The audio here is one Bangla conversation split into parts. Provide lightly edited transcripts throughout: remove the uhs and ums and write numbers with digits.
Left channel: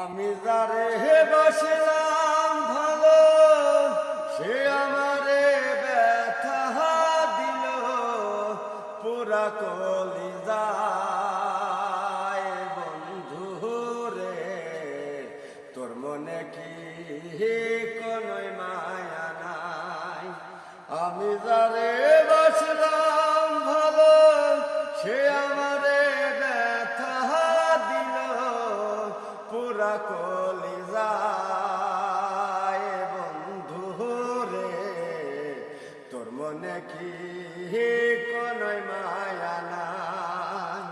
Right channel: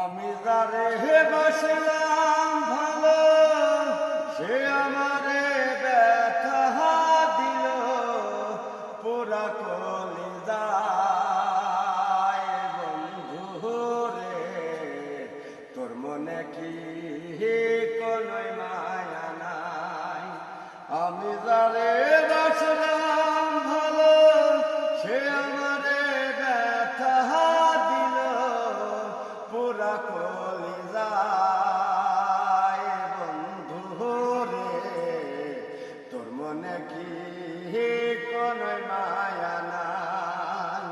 আমি যারে বাসলাম ভালো, সে আমারে ব্যথা দিল, পুরা কলিজায়। বন্ধু রে, তোর মনে কি কোনো মায়া নাই? আমি যারে বাসলাম ভালো, সে আমারে ব্যথা দিল, পুরা কলিজায়। বন্ধু রে, তোর মনে কি কোনো মায়া নাই?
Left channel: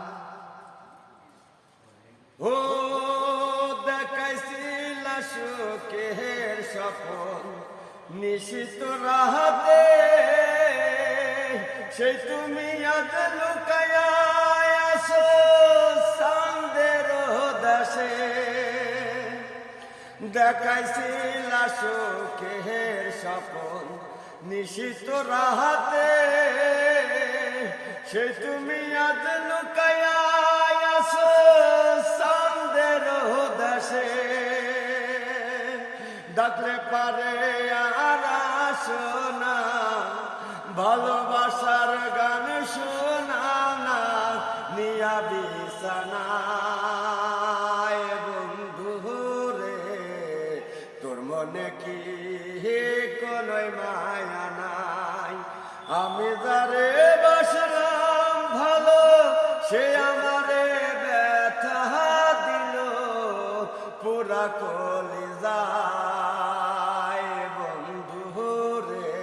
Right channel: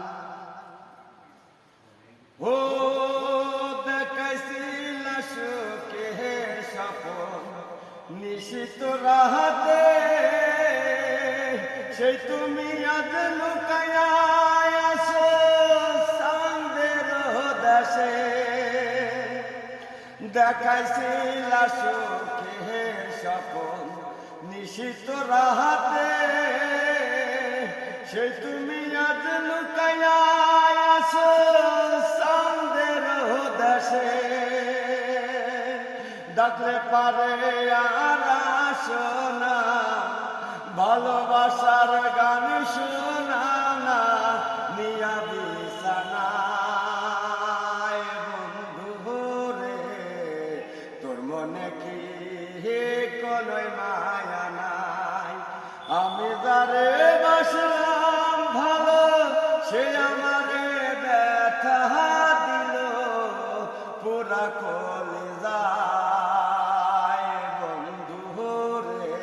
ও দেখাইছিল সুখের স্বপন নিশিত রাতে, সেই তুমি আজ লুকায়া আছো চাঁদের দেশে। দেখাইছিল সুখের স্বপন নিশিত রাতে, সেই তুমি আজ লুকায়া আছো চাঁদের দেশে। ডাকলে পারে আর আসো না, ভালোবাসার গান শোনা না, নিয়া বিছানায়। বন্ধু রে, তোর মনে কি কোনো মায়া নাই? আমি যারে বাসলাম ভালো, সে আমারে ব্যথা দিল, পুরা কলিজায়। বন্ধু রে,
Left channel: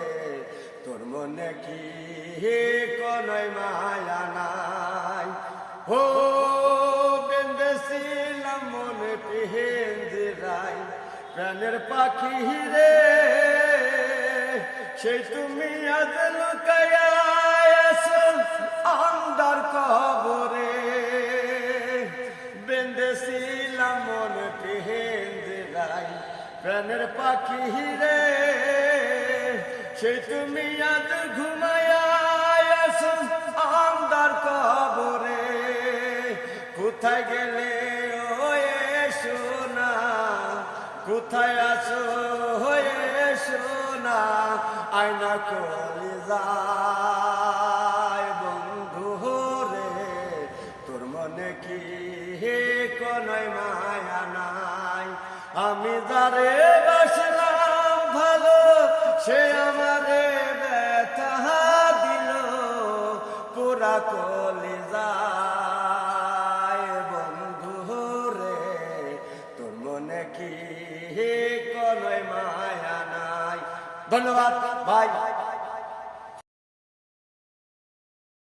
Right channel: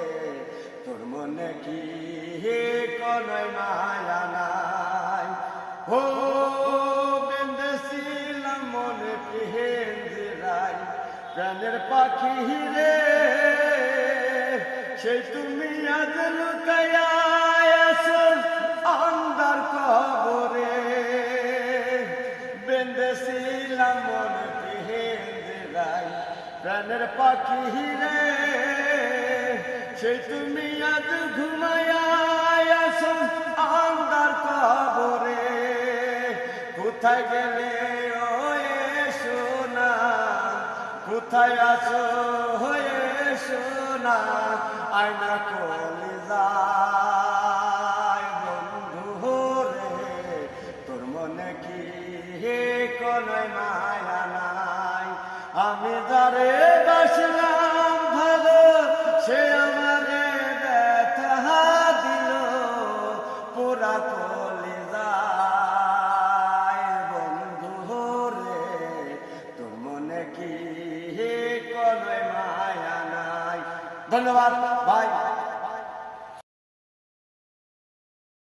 তোর মনে কি কোনো মায়া নাই? ও বেঁধেছিলাম মনে পিঞ্জরায় প্রাণের পাখি রে, সেই তুমি আজ লুকায়া আছো আন্ধার কবরে। বেঁধেছিলাম মনে পিঞ্জরায় প্রাণের পাখি রে, সেই তুমি আজ ঘুমায়া আছো আন্ধার কবরে। কোথায় গেলে ওয়ে সোনা, কোথায় আছো হয়ে সোনা, আয়না কলিজায়। বন্ধু রে, তোর মনে কি কোনো মায়া নাই? আমি যারে বাসলাম ভালো, সে আমারে ব্যথা দিল, পুরা কলিজায়। বন্ধু রে, তোর মনে কি কোনো মায়া নাই? ধন্যবাদ ভাই।